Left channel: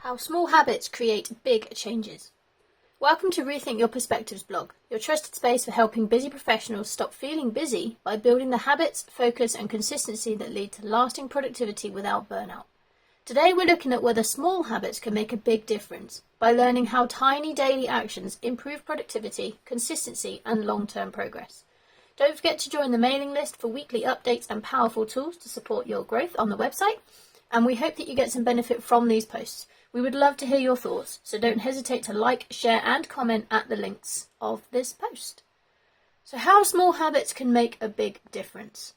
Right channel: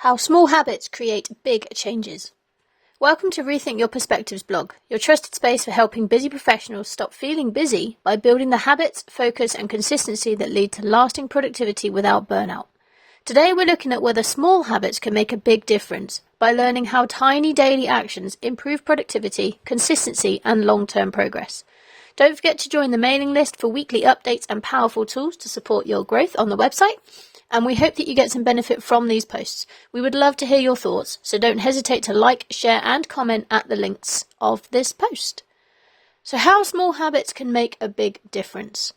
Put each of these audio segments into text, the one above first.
How small habits create big changes. Welcome to Rethink Your Perspectives blog, your trusted space for helping busy professionals stop feeling busy by building the habits, focus and consistency that lead to lasting productivity without burnout. Today we're looking at whether small habits can make a big difference by learning how tiny daily actions improve productivity, consistency and long-term progress. Don't forget to join the mailing list for weekly updates and powerful tools to support your growth on the website. And we hope that you get some benefit from these posts. We would love to hear your thoughts, so don't hesitate to like, share and comment at the links of this post. So how small habits can make a big difference.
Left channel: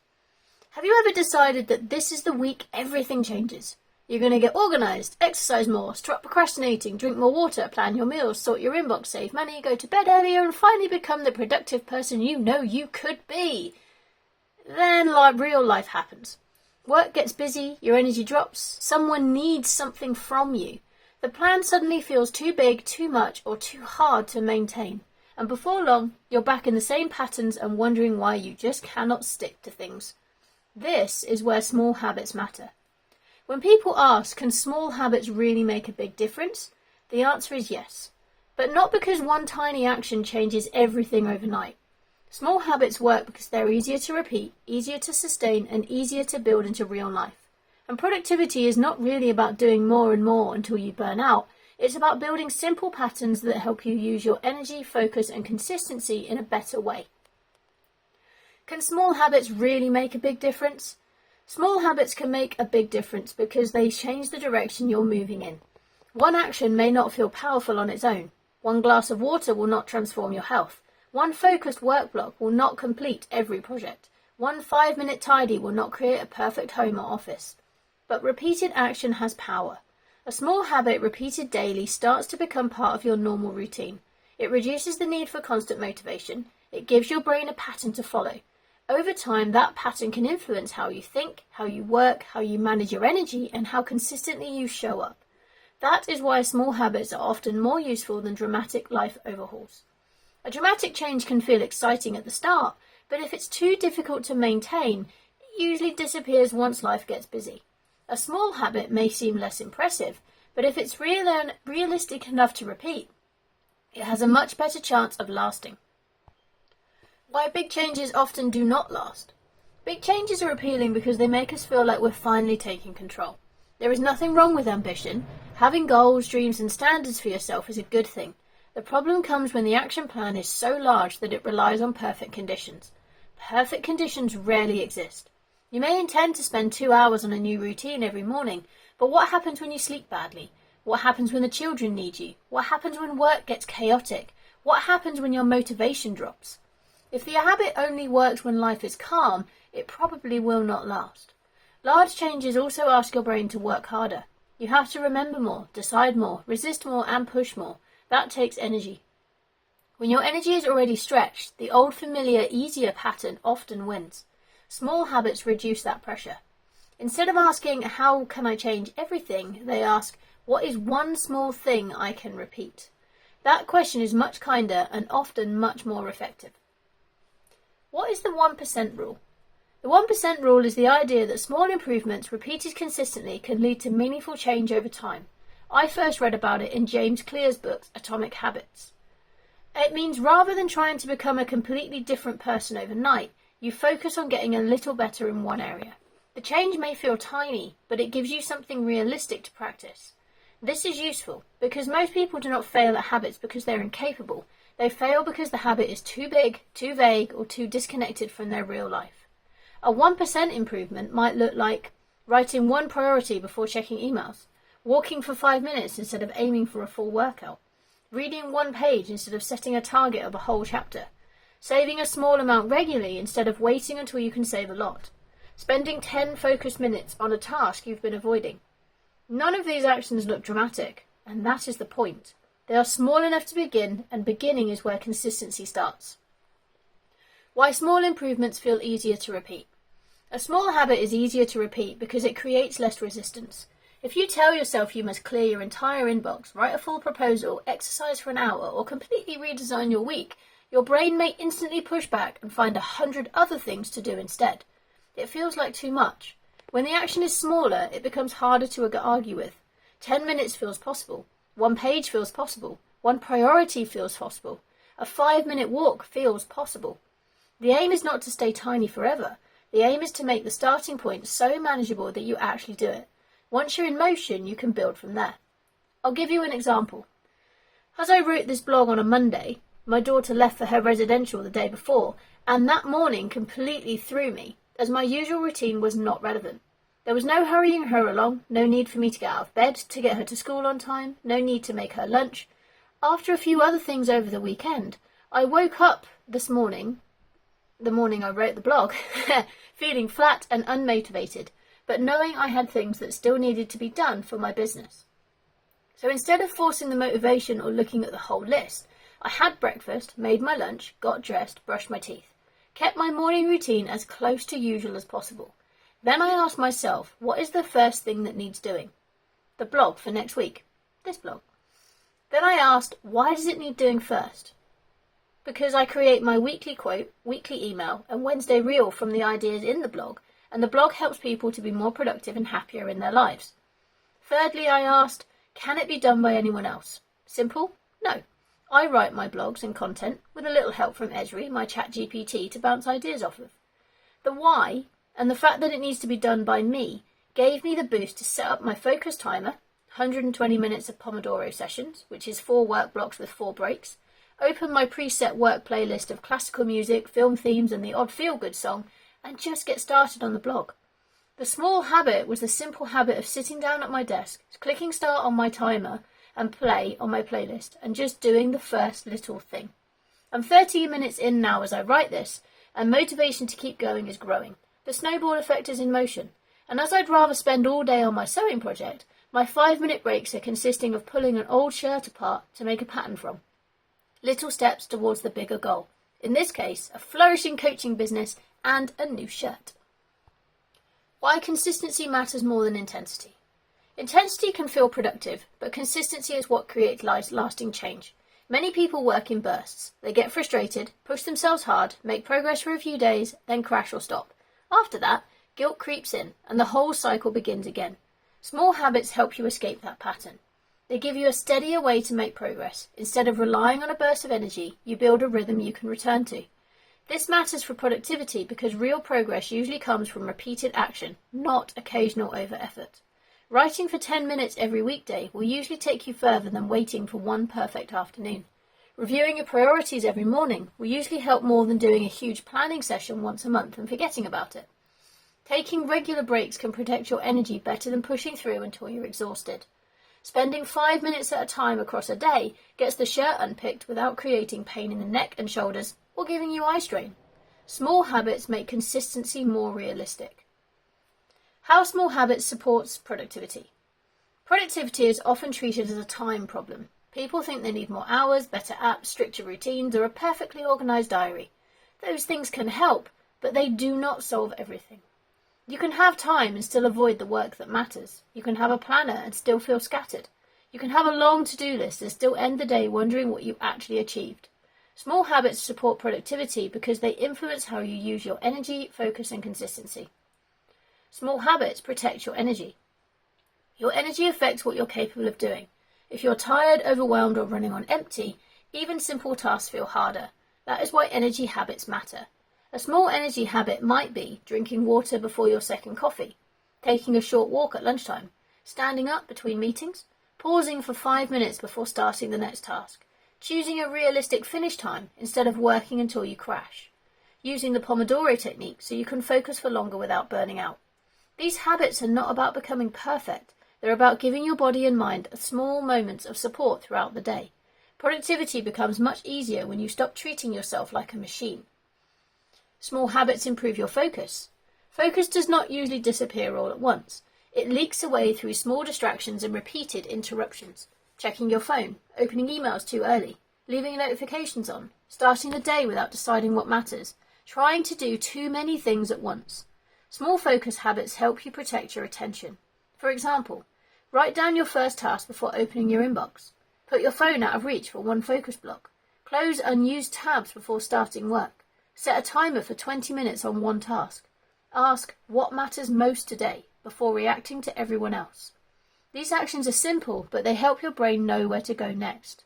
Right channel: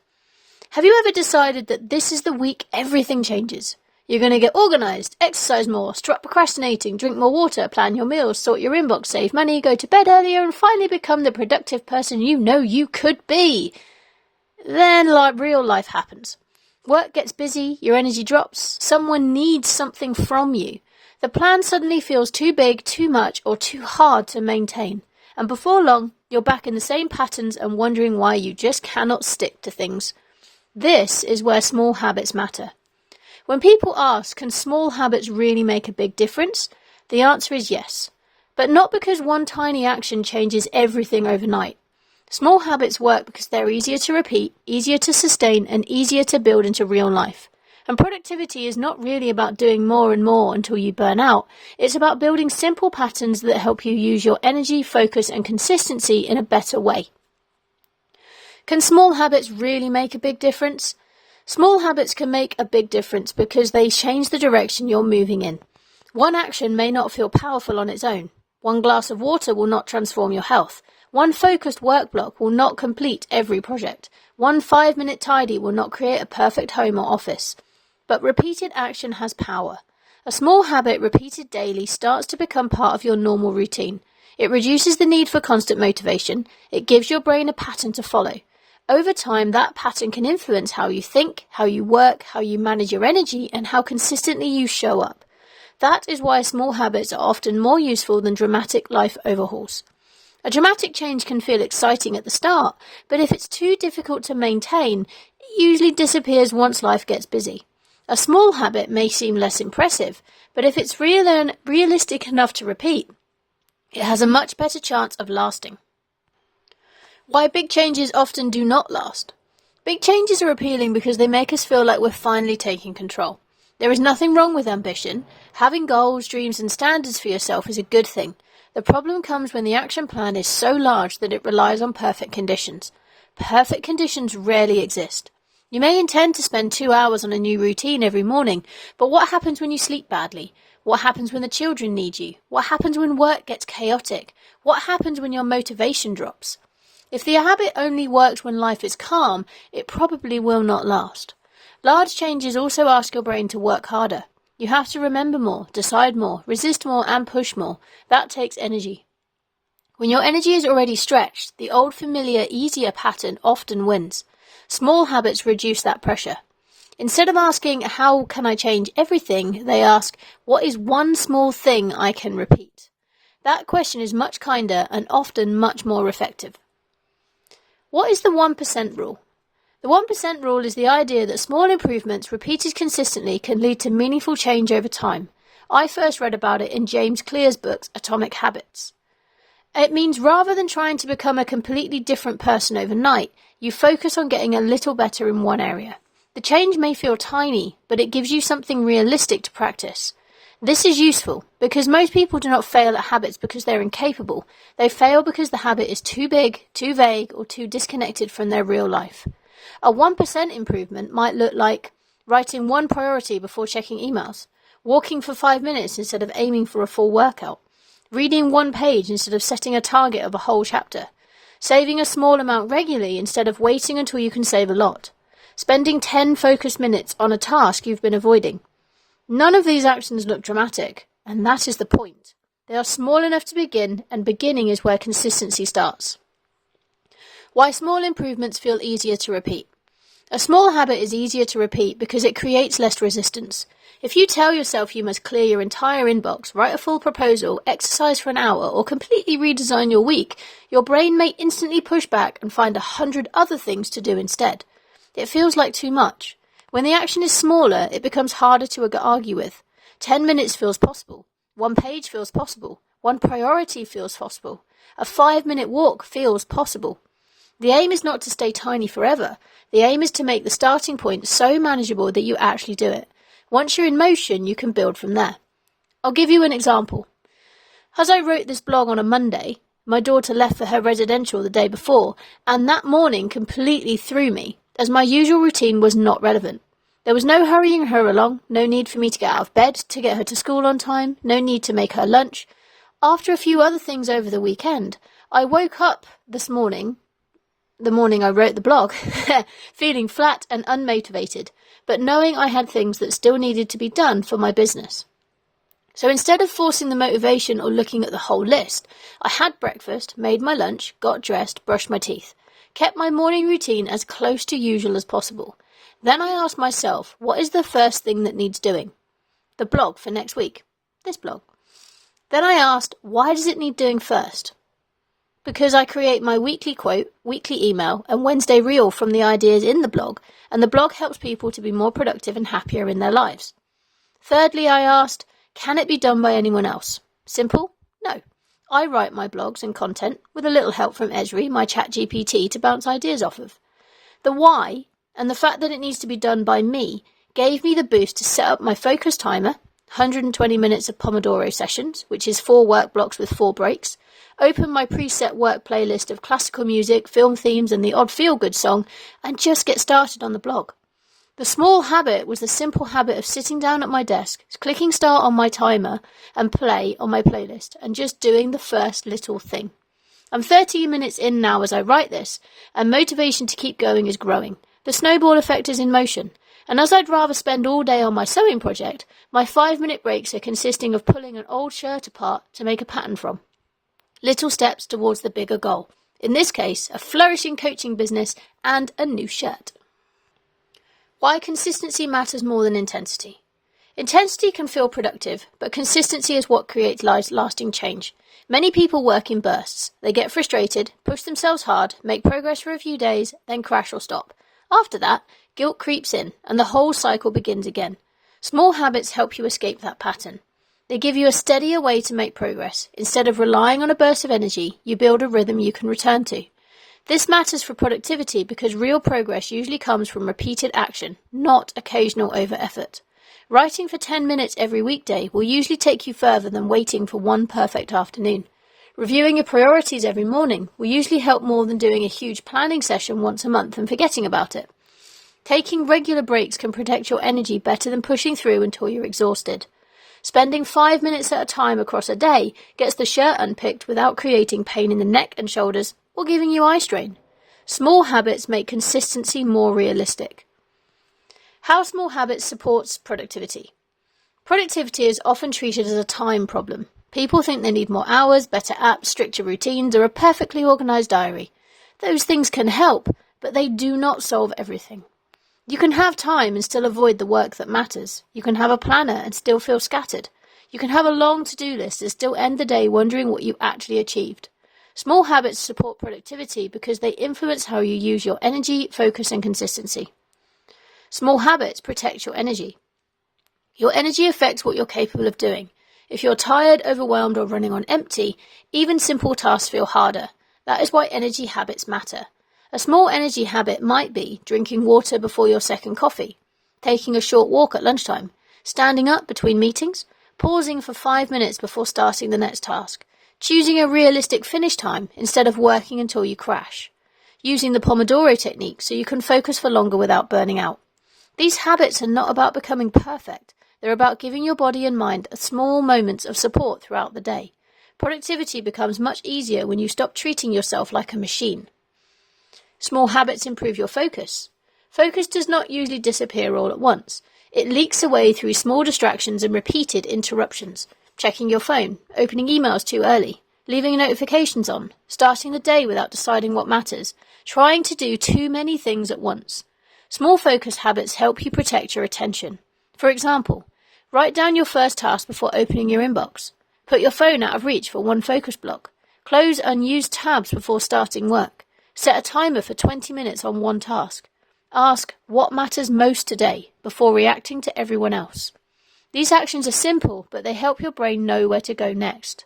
Have you ever decided that this is the week everything changes? You're going to get organised, exercise more, stop procrastinating, drink more water, plan your meals, sort your inbox, save money, go to bed earlier and finally become the productive person you know you could be. Then real life happens. Work gets busy, your energy drops, someone needs something from you. The plan suddenly feels too big, too much, or too hard to maintain. And before long, you're back in the same patterns and wondering why you just cannot stick to things. This is where small habits matter. When people ask, can small habits really make a big difference? The answer is yes. But not because one tiny action changes everything overnight. Small habits work because they're easier to repeat, easier to sustain, and easier to build into real life. And productivity is not really about doing more and more until you burn out. It's about building simple patterns that help you use your energy, focus, and consistency in a better way. Can small habits really make a big difference? Small habits can make a big difference because they change the direction you're moving in. One action may not feel powerful on its own. One glass of water will not transform your health. One focused work block will not complete every project. One 5-minute tidy will not create a perfect home or office. But repeated action has power. A small habit repeated daily starts to become part of your normal routine. It reduces the need for constant motivation. It gives your brain a pattern to follow. Over time, that pattern can influence how you think, how you work, how you manage your energy, and how consistently you show up. That is why small habits are often more useful than dramatic life overhauls. A dramatic change can feel exciting at the start, but if it's too difficult to maintain, it usually disappears once life gets busy. A small habit may seem less impressive, but if it's real and realistic enough to repeat, it has a much better chance of lasting. Why big changes often do not last. Big changes are appealing because they make us feel like we're finally taking control. There is nothing wrong with ambition. Having goals, dreams and standards for yourself is a good thing. The problem comes when the action plan is so large that it relies on perfect conditions. Perfect conditions rarely exist. You may intend to spend 2 hours on a new routine every morning, but what happens when you sleep badly? What happens when the children need you? What happens when work gets chaotic? What happens when your motivation drops? If the habit only works when life is calm, it probably will not last. Large changes also ask your brain to work harder. You have to remember more, decide more, resist more and push more. That takes energy. When your energy is already stretched, the old familiar, easier pattern often wins. Small habits reduce that pressure. Instead of asking, how can I change everything, they ask, what is one small thing I can repeat? That question is much kinder and often much more effective. What is the 1% rule? The 1% rule is the idea that small improvements repeated consistently can lead to meaningful change over time. I first read about it in James Clear's book, Atomic Habits. It means rather than trying to become a completely different person overnight, you focus on getting a little better in one area. The change may feel tiny, but it gives you something realistic to practice. This is useful because most people do not fail at habits because they're incapable. They fail because the habit is too big, too vague, or too disconnected from their real life. A 1% improvement might look like writing one priority before checking emails, walking for 5 minutes instead of aiming for a full workout, reading one page instead of setting a target of a whole chapter, saving a small amount regularly instead of waiting until you can save a lot, spending 10 focused minutes on a task you've been avoiding. None of these actions look dramatic, and that is the point. They are small enough to begin, and beginning is where consistency starts. Why small improvements feel easier to repeat. A small habit is easier to repeat because it creates less resistance. If you tell yourself you must clear your entire inbox, write a full proposal, exercise for an hour, or completely redesign your week, your brain may instantly push back and find 100 other things to do instead. It feels like too much. When the action is smaller, it becomes harder to argue with. 10 minutes feels possible. 1 page feels possible. 1 priority feels possible. A 5-minute walk feels possible. The aim is not to stay tiny forever. The aim is to make the starting point so manageable that you actually do it. Once you're in motion, you can build from there. I'll give you an example. As I wrote this blog on a Monday, my daughter left for her residential the day before, and that morning completely threw me, as my usual routine was not relevant. There was no hurrying her along, no need for me to get out of bed to get her to school on time, no need to make her lunch. After a few other things over the weekend, I woke up this morning, the morning I wrote the blog, feeling flat and unmotivated, but knowing I had things that still needed to be done for my business. So instead of forcing the motivation or looking at the whole list, I had breakfast, made my lunch, got dressed, brushed my teeth, kept my morning routine as close to usual as possible. Then I asked myself, what is the first thing that needs doing? The blog for next week. This blog. Then I asked, why does it need doing first? Because I create my weekly quote, weekly email, and Wednesday reel from the ideas in the blog, and the blog helps people to be more productive and happier in their lives. Thirdly, I asked, can it be done by anyone else? Simple? No. I write my blogs and content with a little help from Esri, my chat GPT, to bounce ideas off of. The why, and the fact that it needs to be done by me, gave me the boost to set up my focus timer, 120 minutes of Pomodoro sessions, which is 4 work blocks with 4 breaks, open my preset work playlist of classical music, film themes, and the odd feel-good song, and just get started on the blog. The small habit was the simple habit of sitting down at my desk, clicking start on my timer and play on my playlist, and just doing the first little thing. I'm 30 minutes in now as I write this, and motivation to keep going is growing. The snowball effect is in motion, and as I'd rather spend all day on my sewing project, my 5-minute breaks are consisting of pulling an old shirt apart to make a pattern from. Little steps towards the bigger goal. In this case, a flourishing coaching business and a new shirt. Why consistency matters more than intensity. Intensity can feel productive, but consistency is what creates lasting change. Many people work in bursts. They get frustrated, push themselves hard, make progress for a few days, then crash or stop. After that, guilt creeps in, and the whole cycle begins again. Small habits help you escape that pattern. They give you a steadier way to make progress. Instead of relying on a burst of energy, you build a rhythm you can return to. This matters for productivity because real progress usually comes from repeated action, not occasional over-effort. Writing for 10 minutes every weekday will usually take you further than waiting for one perfect afternoon. Reviewing your priorities every morning will usually help more than doing a huge planning session once a month and forgetting about it. Taking regular breaks can protect your energy better than pushing through until you're exhausted. Spending 5 minutes at a time across a day gets the shirt unpicked without creating pain in the neck and shoulders or giving you eye strain. Small habits make consistency more realistic. How small habits supports productivity. Productivity is often treated as a time problem. People think they need more hours, better apps, stricter routines, or a perfectly organised diary. Those things can help, but they do not solve everything. You can have time and still avoid the work that matters. You can have a planner and still feel scattered. You can have a long to-do list and still end the day wondering what you actually achieved. Small habits support productivity because they influence how you use your energy, focus, and consistency. Small habits protect your energy. Your energy affects what you're capable of doing. If you're tired, overwhelmed, or running on empty, even simple tasks feel harder. That is why energy habits matter. A small energy habit might be drinking water before your second coffee, taking a short walk at lunchtime, standing up between meetings, pausing for 5 minutes before starting the next task, choosing a realistic finish time instead of working until you crash, using the Pomodoro technique so you can focus for longer without burning out. These habits are not about becoming perfect. They're about giving your body and mind small moments of support throughout the day. Productivity becomes much easier when you stop treating yourself like a machine. Small habits improve your focus. Focus does not usually disappear all at once. It leaks away through small distractions and repeated interruptions. Checking your phone, opening emails too early, leaving notifications on, starting the day without deciding what matters, trying to do too many things at once. Small focus habits help you protect your attention. For example, write down your first task before opening your inbox. Put your phone out of reach for one focus block. Close unused tabs before starting work. Set a timer for 20 minutes on one task. Ask what matters most today before reacting to everyone else. These actions are simple, but they help your brain know where to go next.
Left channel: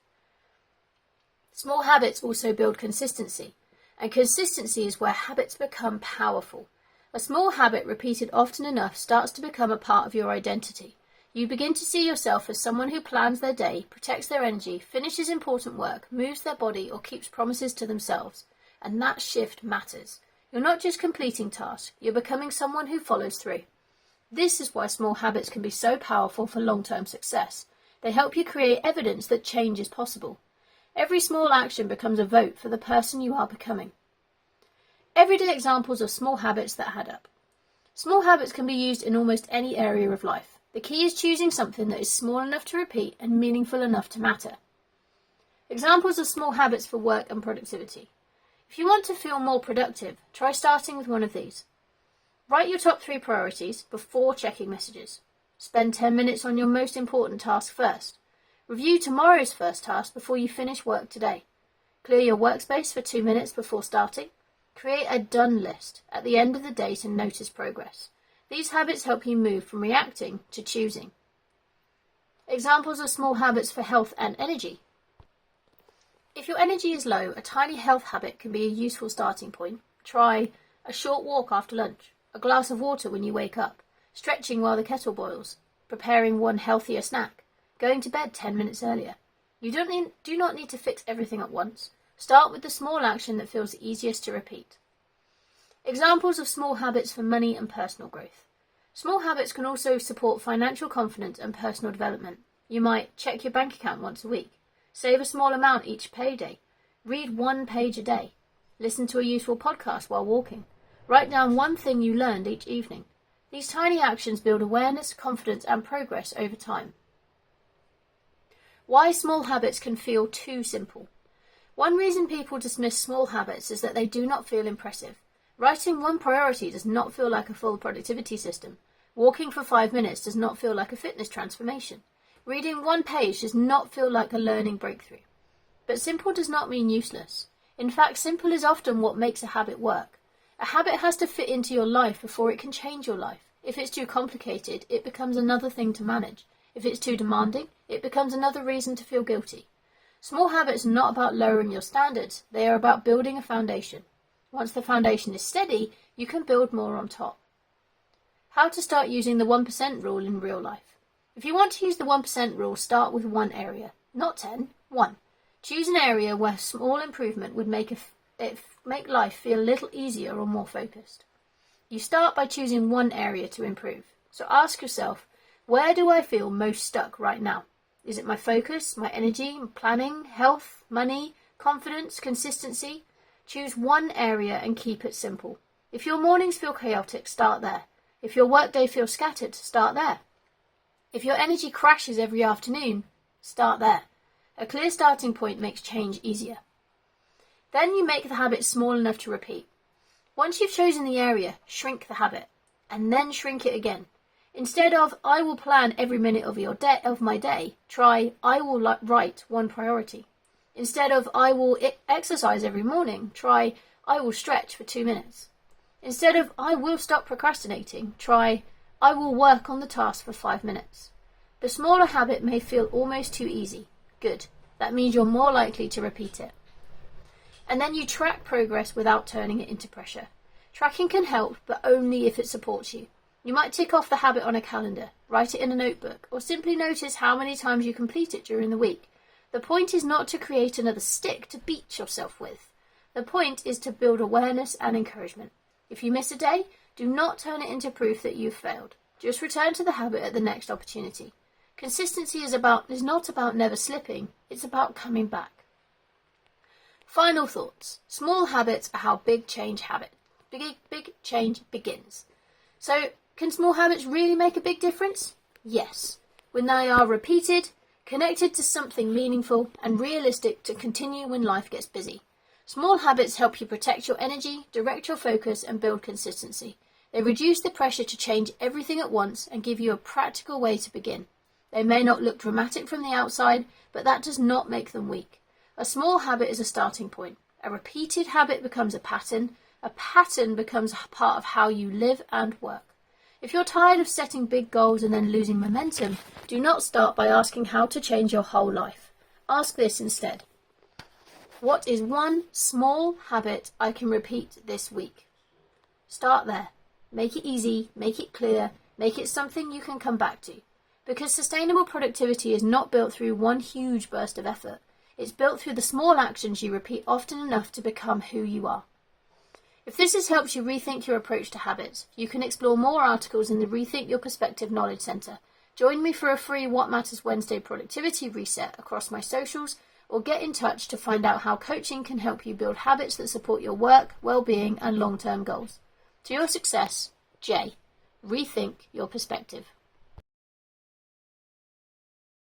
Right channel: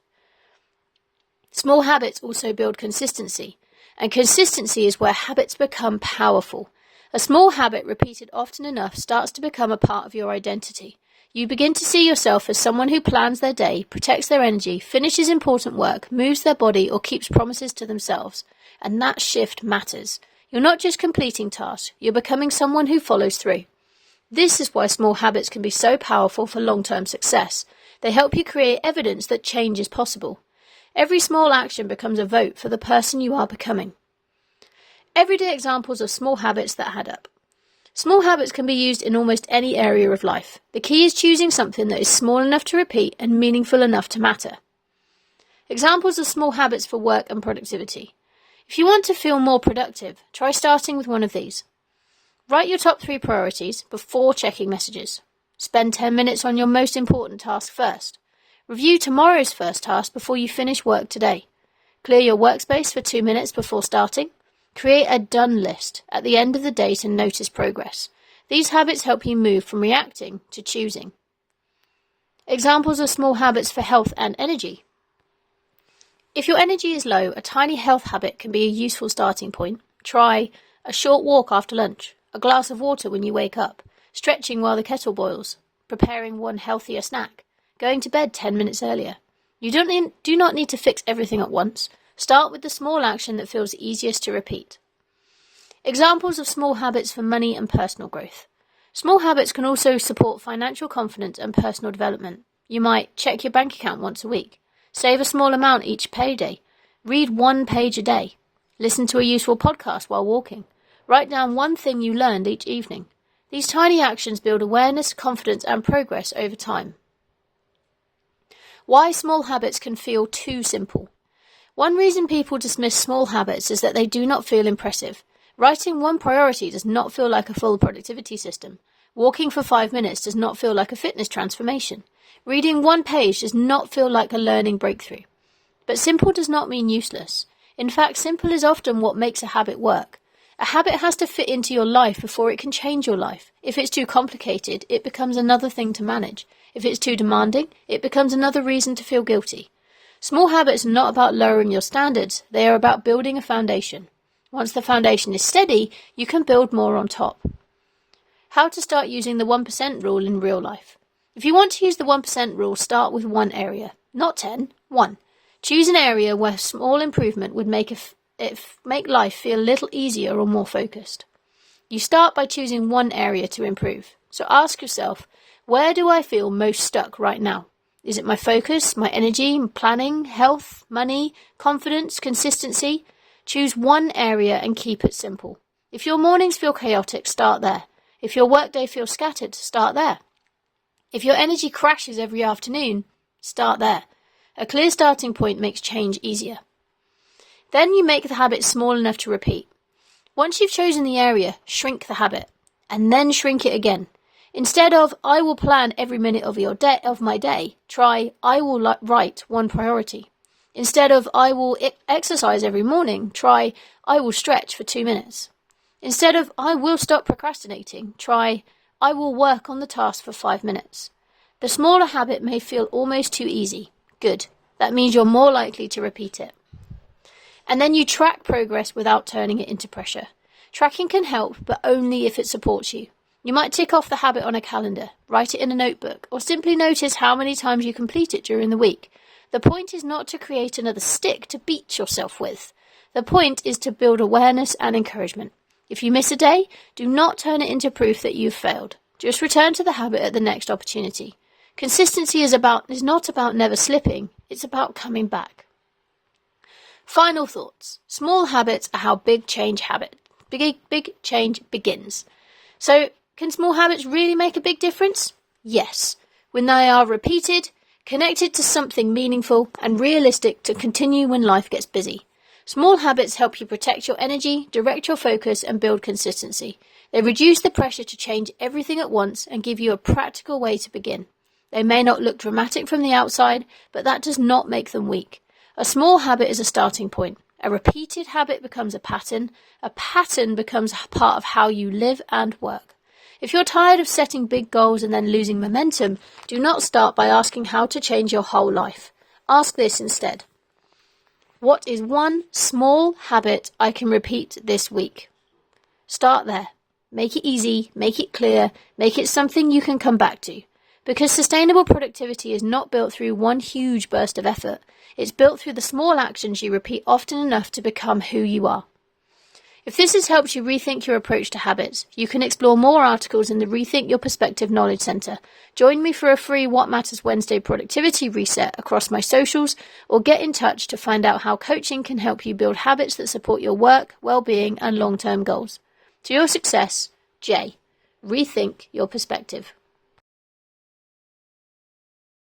Small habits also build consistency, and consistency is where habits become powerful. A small habit repeated often enough starts to become a part of your identity. You begin to see yourself as someone who plans their day, protects their energy, finishes important work, moves their body, or keeps promises to themselves. And that shift matters. You're not just completing tasks, you're becoming someone who follows through. This is why small habits can be so powerful for long-term success. They help you create evidence that change is possible. Every small action becomes a vote for the person you are becoming. Everyday examples of small habits that add up. Small habits can be used in almost any area of life. The key is choosing something that is small enough to repeat and meaningful enough to matter. Examples of small habits for work and productivity. If you want to feel more productive, try starting with one of these. Write your top 3 priorities before checking messages. Spend 10 minutes on your most important task first. Review tomorrow's first task before you finish work today. Clear your workspace for 2 minutes before starting. Create a done list at the end of the day to notice progress. These habits help you move from reacting to choosing. Examples of small habits for health and energy. If your energy is low, a tiny health habit can be a useful starting point. Try a short walk after lunch, a glass of water when you wake up, stretching while the kettle boils, preparing one healthier snack, going to bed 10 minutes earlier. You do not need to fix everything at once. Start with the small action that feels easiest to repeat. Examples of small habits for money and personal growth. Small habits can also support financial confidence and personal development. You might check your bank account once a week, save a small amount each payday, read 1 page a day, listen to a useful podcast while walking, write down one thing you learned each evening. These tiny actions build awareness, confidence, and progress over time. Why small habits can feel too simple. One reason people dismiss small habits is that they do not feel impressive. Writing 1 priority does not feel like a full productivity system. Walking for 5 minutes does not feel like a fitness transformation. Reading 1 page does not feel like a learning breakthrough. But simple does not mean useless. In fact, simple is often what makes a habit work. A habit has to fit into your life before it can change your life. If it's too complicated, it becomes another thing to manage. If it's too demanding, it becomes another reason to feel guilty. Small habits are not about lowering your standards, they are about building a foundation. Once the foundation is steady, you can build more on top. How to start using the 1% rule in real life. If you want to use the 1% rule, start with 1 area, not 10, 1. Choose an area where small improvement would make life feel a little easier or more focused. You start by choosing 1 area to improve. So ask yourself, where do I feel most stuck right now? Is it my focus, my energy, planning, health, money, confidence, consistency? Choose 1 area and keep it simple. If your mornings feel chaotic, start there. If your workday feels scattered, start there. If your energy crashes every afternoon, start there. A clear starting point makes change easier. Then you make the habit small enough to repeat. Once you've chosen the area, shrink the habit, and then shrink it again. Instead of, I will plan every minute of my day, try, I will write 1 priority. Instead of, I will exercise every morning, try, I will stretch for 2 minutes. Instead of, I will stop procrastinating, try, I will work on the task for 5 minutes. The smaller habit may feel almost too easy. Good. That means you're more likely to repeat it. And then you track progress without turning it into pressure. Tracking can help, but only if it supports you. You might tick off the habit on a calendar, write it in a notebook, or simply notice how many times you complete it during the week. The point is not to create another stick to beat yourself with. The point is to build awareness and encouragement. If you miss a day, do not turn it into proof that you've failed. Just return to the habit at the next opportunity. Consistency is not about never slipping, it's about coming back. Final thoughts. Small habits are how big change begins. So, can small habits really make a big difference? Yes, when they are repeated, connected to something meaningful and realistic to continue when life gets busy. Small habits help you protect your energy, direct your focus, and build consistency. They reduce the pressure to change everything at once and give you a practical way to begin. They may not look dramatic from the outside, but that does not make them weak. A small habit is a starting point. A repeated habit becomes a pattern. A pattern becomes part of how you live and work. If you're tired of setting big goals and then losing momentum, do not start by asking how to change your whole life. Ask this instead. What is one small habit I can repeat this week? Start there. Make it easy, make it clear, make it something you can come back to. Because sustainable productivity is not built through one huge burst of effort. It's built through the small actions you repeat often enough to become who you are. If this has helped you rethink your approach to habits, you can explore more articles in the Rethink Your Perspective Knowledge Centre. Join me for a free What Matters Wednesday productivity reset across my socials, or get in touch to find out how coaching can help you build habits that support your work, well-being and long-term goals. To your success, Jay. Rethink Your Perspective.